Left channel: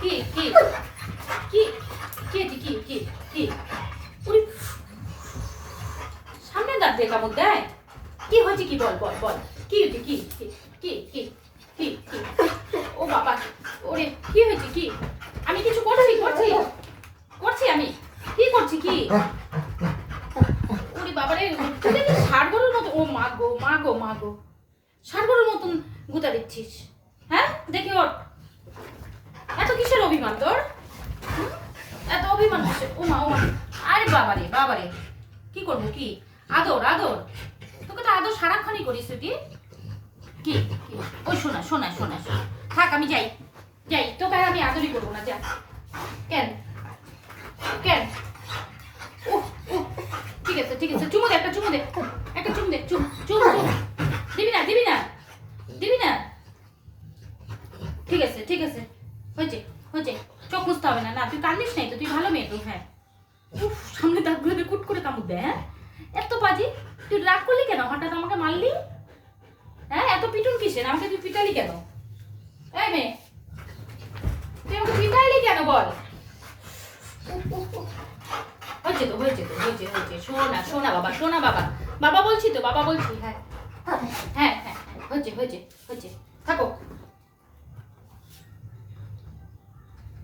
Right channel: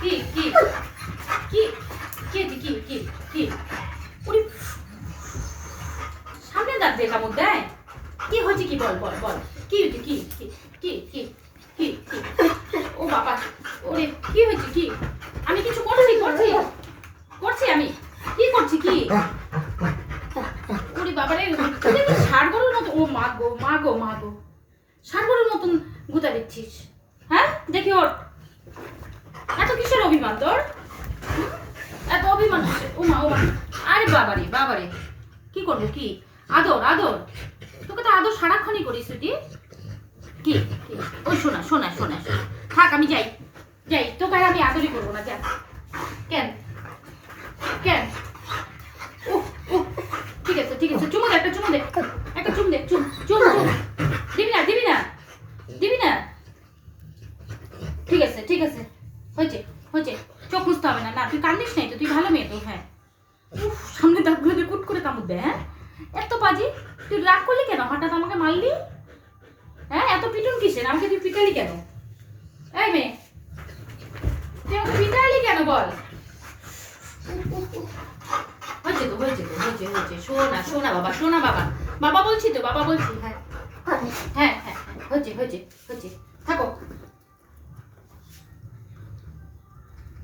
কি কি কি কি কি কি কি ওরে সামনে দাঁত দিয়ে কামড় দেয়। কি হয়েছে কি বল বল বল কি হয়েছে কি কি কি কি কি কি ও বাবা ওরে কি হয়েছে কি আমি কিছু করছি করছি করছি আমি কি করছি কি ওরে বাবারে তুই কি ষাড় গরুর মতো ও মা গো মা গো মা গো ষাড় গরুর মতন গুতা দিচ্ছিস হ্যাঁ দেখি ওর এত কিসের অভিমান তোর এত অভিমান কিসের ও মা আরে বাবারে বাবারে কি করবো কি আদর আদর তোকে তো আদর সারাক্ষণই করিস তুই কি ওই শোনা শোনা শোনা থাক আমি যাই যাই তোকে আর আমি আদরই করবো না যা কেন কেন ও ও ঠিক আছে চুমু দে একটা চুমু দে একটা চুমু দে চুম চুম চুম দিবি না দিবি না দিবি না ঠিক আছে হয়েছে হয়েছে চোখ মুছতে হবে না না তুই কান্দিস নাই তো তুই ভালো মেয়ে তুই হ্যাঁ উফ সামনে দাঁতগুলোকে কুট করে কামড় দেয় হ্যাঁ এত বাজি তুই রাগ করলি কেন হঠাৎ আমাকে মারলি হ্যাঁ এত পিটুন কিসের আমাকে তুই পিটালি কেন এই মেয়ে তুই আমাকে পিটালি কেন বল হয়েছে শোনা বাবা বলছি তো বাবা বলছি হ্যাঁ হ্যাঁ হ্যাঁ হয়েছে থাকো